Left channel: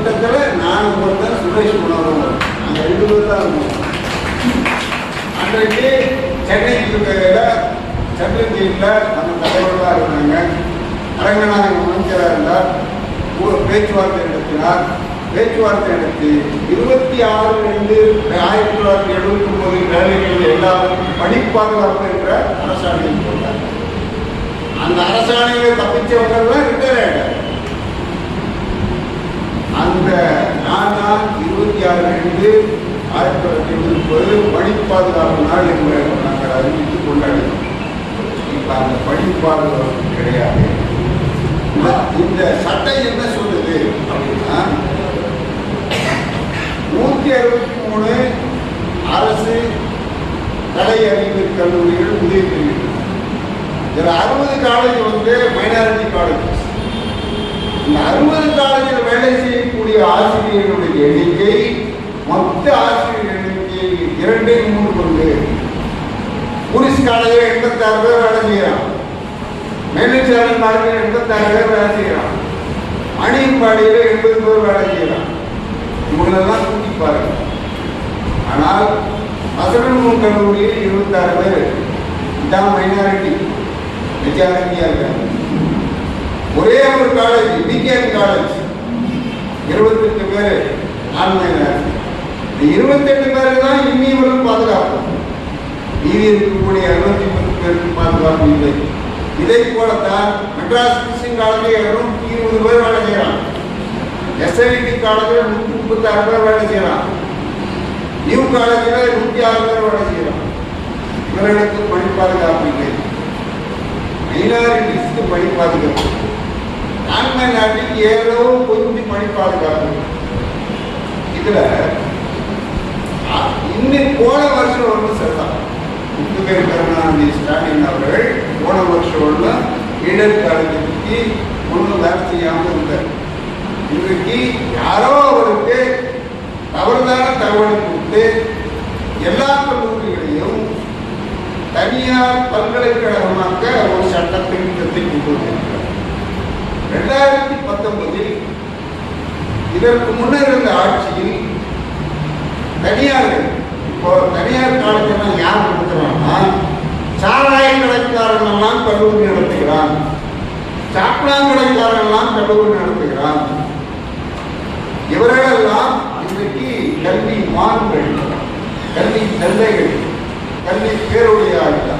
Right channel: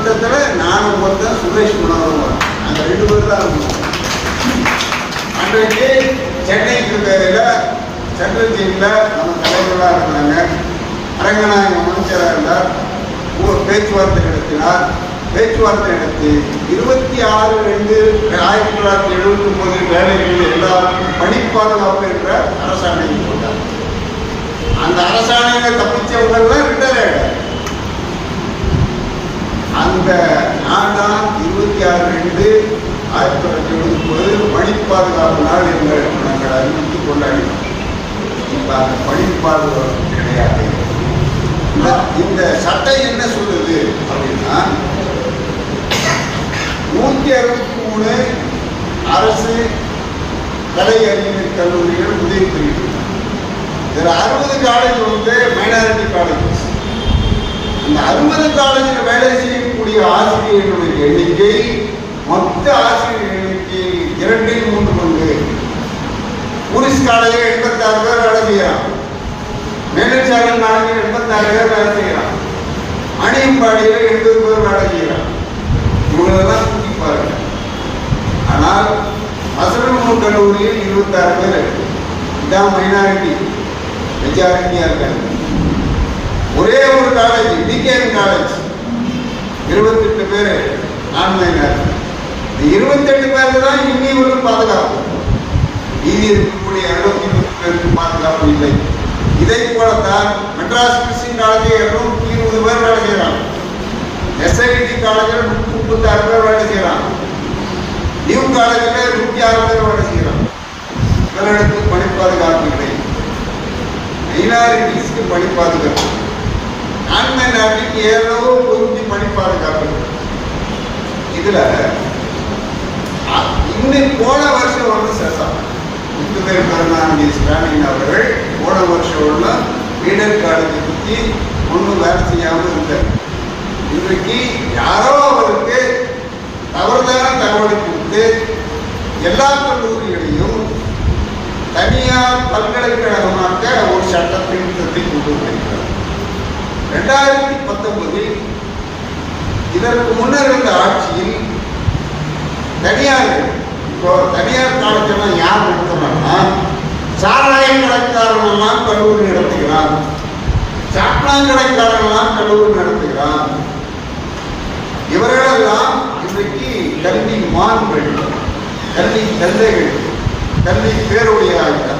கூட்டத்தில் நானும் ஒருத்தன் சுரேஷ் குணவரும் நாங்கள் 2 பேர் தான் இருக்கோம். அன்றைக்கு சென்னைக்கு இருக்கையில் சென்ட்ரல் ஜெயிலில் நம்ம தலைவர்களாக இருந்தாங்க. அரங்கநாயகம் அமைச்சராக இருந்தார். பேச்சுவார்த்தை நடத்தினார். பேச்சுவார்த்தை நடத்தி 26/2/1979 வேலைகளில் எல்லாருக்கும் பணிப்பாதுகாப்பு என்ற அரசாணையை போட்டார். அந்த அரசாணையை தப்பிச்சவங்கெல்லாம் ரிட்டையர் ஆகிட்டார். அந்த நான் தான் 26/2/1979 பணிப்பாதுகாப்பு நாள் என்று நாங்கள் அறிவித்து கொண்டாடினோம். இப்போ அந்த பணிப்பாதுகாப்பு கிடையாது. இந்த சட்டம் என்ன சொல்லுது அப்படின்னா 163 அரசு கலை அறிவியல் கல்லூரிகள் உதவி பெறுகின்றன. இதில் 60 காலேஜ் மைனாரிட்டி காலேஜஸ். இந்த 60 காலேஜில் வேலை செய்யக்கூடிய ஆசிரியர்களுடைய எண்ணிக்கை மொத்த ஆசிரியர் எண்ணிக்கை 2/3 பங்கு. போலீஸ் காலேஜில் 86 பேர் வேலை செய்யறான். மேலச்சாரல் காலேஜில் 86 பேர் வேலை செய்யறான். அணியம்பாடியில் 80 பேர் வேலை செய்யறான். இவங்களெல்லாம் கூட்டி பாருங்க. ஆனால் அசலூர் கல்லூரியில் 26 பேர். இதான் மைனாரிட்டி, மெஜாரிட்டியா இருக்காங்க. ஒரே ஒரு காலேஜ் டிகேஎன் காலேஜ் 28 பேர் நான் மைனாரிட்டி. 28 பேர் தான் இன்னிவரும் பாதுகாப்பு. மீதி இருக்கக்கூடிய 63 பேருக்கு பாதுகாப்பு இல்லை. இதை போலத்தான் மெட்ராஸ் கிறிஸ்டின் காலேஜில் 220 பேர் வேலை செய்யறாங்க. எஸ்ஐடி காலேஜில் 136 பேர் வேலை செய்யறான். நியூ காலேஜில் 106 பேர் வேலை செய்யறான். இவர்களுக்கு பணி பாதுகாப்பு இல்லை. மைனாரிட்டிஸ்க்கு பணி பாதுகாப்பு, நான் மைனாரிட்டிக்கு ஏதோ கொஞ்சம் பணி பாதுகாப்பு. இதுல இன்னும் போன வருஷம் சேஷம் முத்துவேல் கருணாநிதி ஸ்டாலின் அவர்கள் போன வருஷம் ஈடர் காலேஜை பற்றி ஒன்றும் வேலை செய்யாமல் இருந்தார். இன்றைக்கு யாரோ அவருக்கு தவறுதான தகவலை கொடுத்து எல்லா கல்லூரிகளையும் தனியார் பல்கலைக்கழகமாக்க ஒரு சட்ட திருத்தத்தை கொண்டு வந்திருக்கிறார். 2019 இதற்கு முன்னர் இருந்த ஆட்சியில் தனியார் காலேஜ் எல்லாம் யார் நடத்துறாங்கன்னா சாராய கடைக்காரன் எல்லாம் கல்லூரி நடத்துகிறான், சாப்பிடாங்கடைக்காரன் எல்லாம் கல்லூரி நடத்துகிறான். இவர்களெல்லாம் இன்றைக்கு கல்வி மான்கள், கல்வி தந்தைகள், கல்வி பேருடைய ஆகிட்டார்.